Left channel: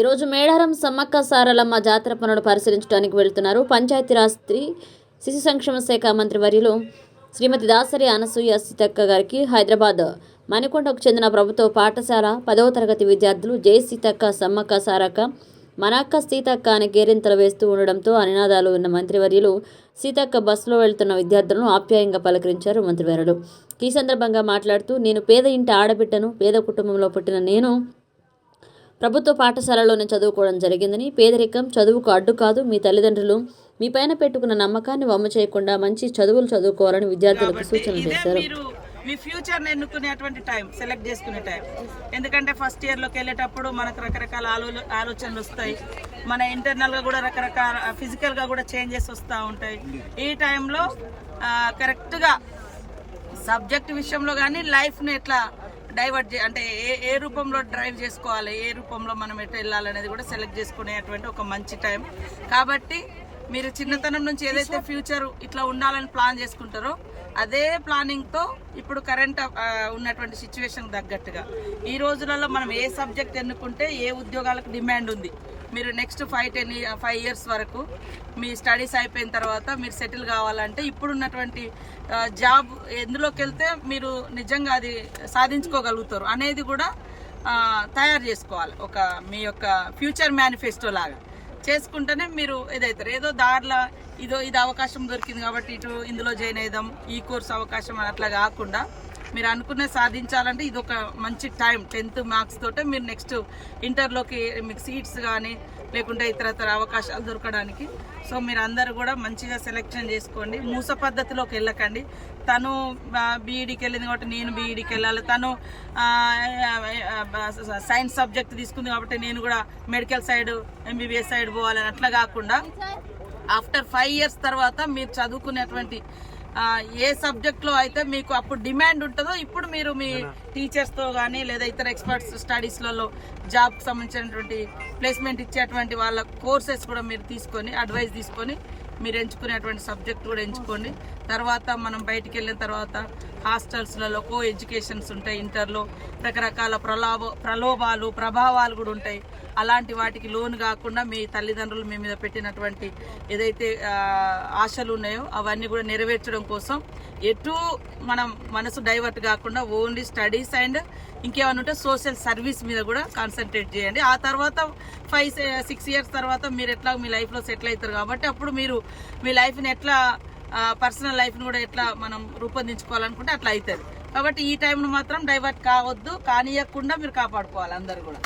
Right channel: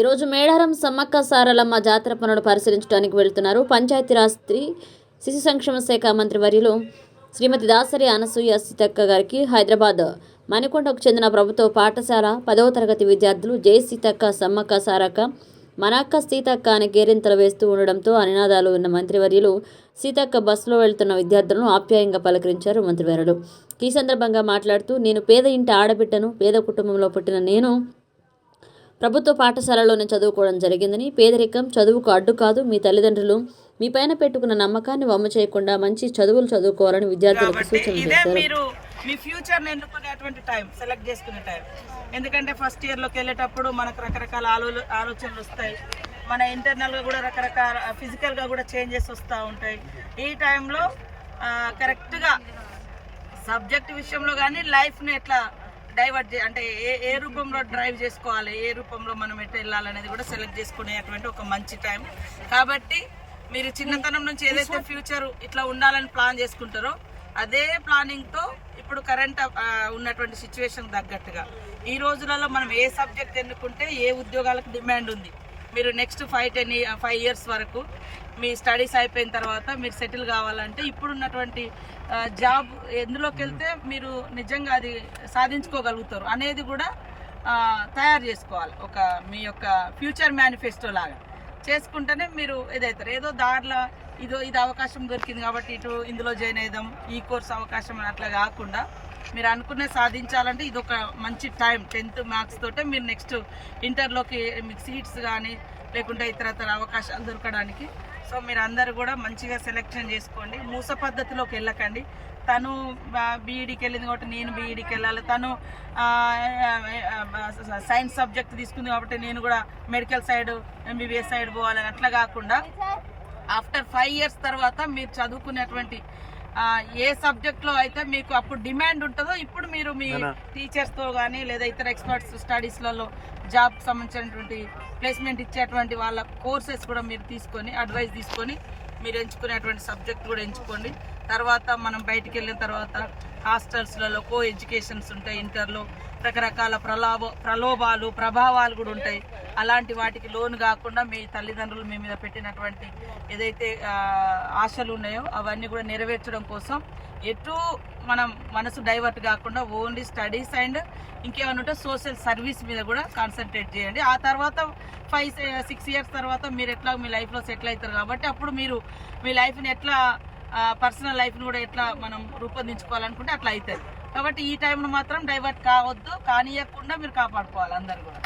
ఈరోజు మేడారం సమ్మక్క సారలమ్మ జాతర పనులు పరిశీలించడానికి వెళ్తున్నారు. పంచాయతీరాజ్ స్త్రీ శిశు సంక్షేమ శాఖ మంత్రి వర్యులు శ్రీమతి దాసరి అనసూయ సీతక్క గారికి హైదరాబాద్ మణికొండకు చెందిన ప్రభుత్వ పాఠశాల 10వ తరగతి విద్యార్థులు జై సీతక్క సమ్మక్క సారక్క మనక్క సీతక్క అని కేరింతలు వేస్తూ ఉండడంతో నినాదాలు విన్న మంత్రివర్యులు సీతక్క బస్సులో వెళ్తున్న విద్యార్థులను ఆప్యాయంగా పలకరించారు. మంత్రివర్యులు ఈ సందర్భంగా మాట్లాడుతూ, నేను పేద ఇంటి ఆడబిడ్డను, పేద కుటుంబంలో పుట్టిన నేను ప్రభుత్వ పాఠశాలలోనే చదువుకోవడం జరిగిందని, పేదరికం చదువుకు అడ్డు కాదు, మీ తల్లిదండ్రులు మీ పైన పెట్టుకున్న నమ్మకాన్ని వమ్ము చేయకుండా మంచి చదువులు చదువుకోవాలని విద్యార్థులకు సూచనలు చేశారు. మీ ఫ్యూచర్ని ఎన్నుకునేటువంటి టైం, సెలెక్ట్ చేసుకునే టైం. ఎందుకంటే ఫస్ట్ ఇయర్లోకి వెళ్ళేటప్పుడు మనకు రకరకాల ఆలోచనలు వస్తాయి. మన ఇంటర్నల్గా కూడా రకరకాల ఫిజికల్గా కూడా చేంజెస్ వస్తూ ఉంటాయి. ఈ టైంలో కరెక్ట్గా సబ్జెక్ట్ విషయంలో కానీ లైఫ్ని ఎట్లా డైవర్ట్ అంటే ఏ రూపంలో డ్రైవ్ చేసుకోవాలి, ఏ రూపంలో మనం ఎట్లా వెళ్ళాలనేది కూడా సెలెక్ట్ చేసుకునేటువంటి ఒక మంచి టైం. కాబట్టి మీరు చిన్నతనం నుంచి ఏదైతే ఫ్యూచర్ ఇట్లా ఉండాలని ప్లాన్ చేసుకుంటారో అదే ప్లానింగ్తో ఇప్పుడు కరెంట్ ఉన్నటువంటి సిచ్యువేషన్ తగ్గట్టుగా ఈ రోజులలో మనం ఏ సబ్జెక్ట్ ఎన్నుకుంటే ఏ ఉద్యోగాలకు డిమాండ్ ఉంది, మీరు నెక్స్ట్ 5 ఇయర్స్ వరకు మీ స్టడీస్ అయిపోయిన తర్వాత మీరు సెటిల్ కావాలంటే ఇప్పుడున్నటువంటి జాబ్ ఎందులోకి వెళ్తే మీరు నిజంగా అది సాధించుకోగలుగుతారు అనేది కూడా తయారు చేసుకోవాలి. ఒక మీ యొక్క ఫ్యూచర్ మేనిఫెస్టో లాగా చేసుకుంటేనే మీరు ఏదైతారు. ఏదో దారిలో ఇది అవకాశం దొరికింది కాబట్టి ఇందులో జాయిన్ అయిదాం, ఈ కోర్స్ అవకాశం అట్లా కాకుండా మీరు అనుకునే సాధించాలంటే ఇది ఒక మంచి టైం. 10th మార్క్స్ తోటే మీరు నెక్స్ట్ ఇంటర్లోకి మీకు సీట్స్ కానీ లేకుంటే ఇతర అవకాశాలు దొరకడానికి. సో మీరు అందరూ కూడా మంచిగా సెలెక్షన్ చేసుకోండి. మూస పద్ధతిలోకి వెళ్ళకండి. తను బీఈడీకి వెళ్ళింది కాబట్టి నేను బీఈడీకి వెళ్ళాలి, తను సైన్స్ సబ్జెక్ట్ తీసుకుంది కాబట్టి నేను కూడా మెడికల్ సైడ్ ఎంబీబీఎస్ సైడ్ పోవాలని అట్లా కాకుండా ఆఫ్టర్ 5 ఇయర్స్ తర్వాత మీరు చదువుకునేటువంటి ఏ సబ్జెక్ట్లో అయితే మీకు అప్పుడు డిమాండ్ ఉంటుందో ఇప్పుడు మీరు మీ టీచర్స్తో కానీ లేదా ఇతర ఎక్స్పర్ట్స్ స్టడీస్లలో జాబ్కి సంబంధించినటువంటి ప్లేస్మెంట్ ఇచ్చేటువంటి వాళ్ళ కోర్సెస్ కూడా మీరు తీసుకొని అడ్వైస్ తీసుకొని మీరు ఎంచుకునేటువంటి సబ్జెక్ట్ కూడా ఎంచుకోండి. తర్వాత మనం బయటికి వెళ్ళిన తర్వాత హాస్టల్స్లలో కో ఎడ్యుకేషన్స్ ఉంటాయి, ఇంటర్లో రకరకాల ప్రలోభాలు ప్రభావాలు కూడా ఉంటాయి. అలాంటి వాటికి లోను కాకుండా మీ తల్లిదండ్రులు మీ మీద పెట్టినటువంటి ఏదైతే ఆశలు ఉన్నాయో అవన్నీ కూడా నెరవేర్చడం కోసం ఎటు మనం మనసు డైవర్ట్ కాకుండా ఓన్లీ స్టడీస్ అండ్ ఇంకేమైనా ఉంటే సోషల్ సర్వీస్ మీద కూడా కాన్సన్ట్రేట్ చేయండి. ఆ తర్వాత 5-6 ఇయర్స్ తర్వాత మీరు ఎట్లా మీ లైఫ్లో సెటిల్ అవుతారు కాబట్టి అప్పుడు మీరు మీ లైఫ్ని ఎట్లా పర్సనల్ లైఫ్ని కూడా ఎట్లా మనం రూపొందించుకోవాలనుకుంటే అట్లా అవుతుంది. కాబట్టి ఈ టైంను మాత్రం డైవర్ట్ కావద్దు, కానియకుండా మీరు కాపాడుకోవాలి అందరు కూడా.